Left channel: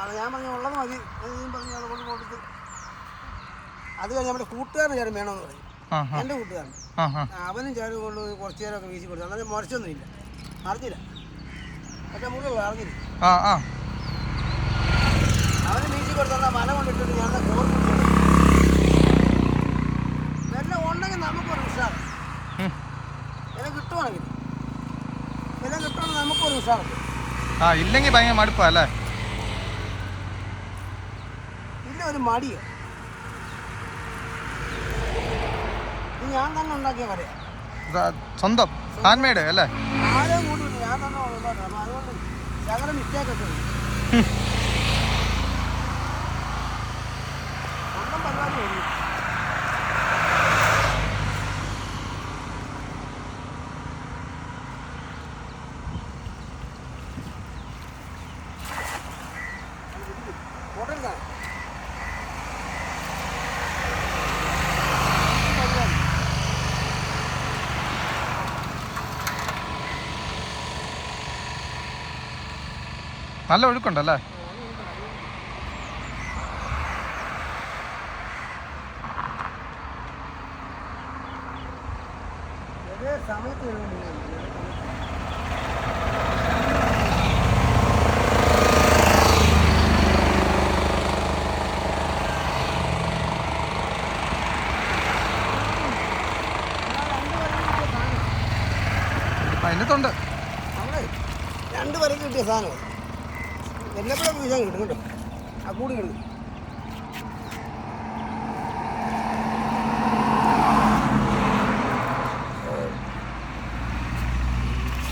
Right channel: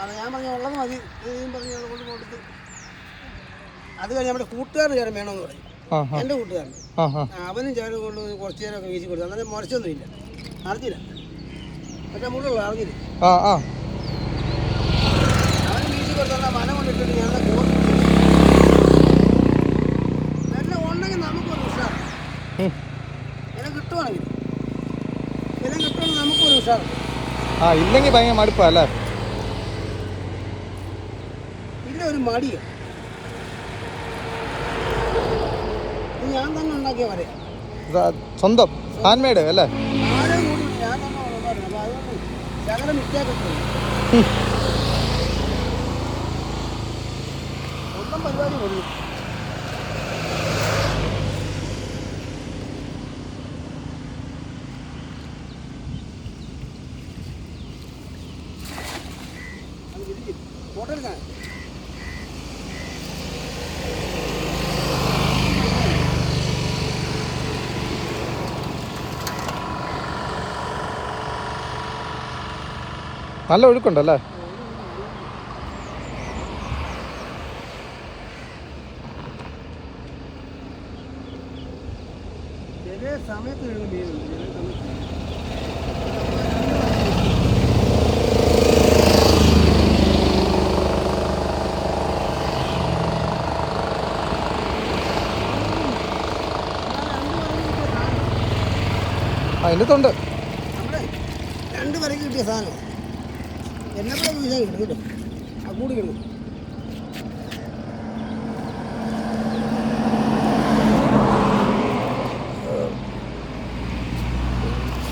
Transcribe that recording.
അത് ഞാൻ പറഞ്ഞ ഉള്ളത് മതി പറഞ്ഞ് അതുകൊണ്ട് കൊടുത്ത്. അത് കഴിഞ്ഞ് നമ്മുടെ കൂട്ടുകാരന് ചേരം വേണമെന്ന് പറയും. എൻ്റെ കൂട്ടുകാരൻ അവനും ചേരം കൊണ്ട് കുറച്ച് നേരമൊക്കെ വീശി കൊടുത്തു. അന്നേരം മുറിച്ചൊന്നുമില്ല, അറിഞ്ഞില്ല. മറ്റേ മുള്ളുള്ള അറിഞ്ഞില്ല. അവന് വീശി കൊടുത്താൽ വല കൊണ്ടിട്ടിട്ട് ഞാൻ കോർത്ത് വെള്ളം ഉണ്ടെങ്കിൽ നമുക്കൊരു ഉഷാർ. വില കിട്ടുവാണെങ്കിൽ നമുക്കൊരു ഉഷാർ. ഇല്ലെങ്കിൽ ഭയങ്കര മടുപ്പല്ലേ? ഇല്ല, ഒരു മടിയോ. ഞാൻ തന്നെ ഉണ്ടാക്കിയ വരയാ, സ്വന്തം ഹാൻഡ് അല്ലേ? ആരെയും കൂടി ഞാൻ തന്നെ ഉണ്ടാക്കണം. അപ്പൊ അതുകൊണ്ട് ഞങ്ങളുടെ മിസ്റ്റേക്ക് സ്വന്തം പരിപാടി കൊടുക്കും. ഫോട്ടോ എടുക്കാൻ നല്ല ഒഴുക്കുണ്ടല്ലേ? സമയത്ത് അതിനകത്തുണ്ട് നമ്മളെ 2 വരയ്ക്ക് കിട്ടിയ സാധനം. എന്നെ കൂടെ വീശാൻ കിട്ടും കേട്ടോ. ആ കൂടി കിട്ടും.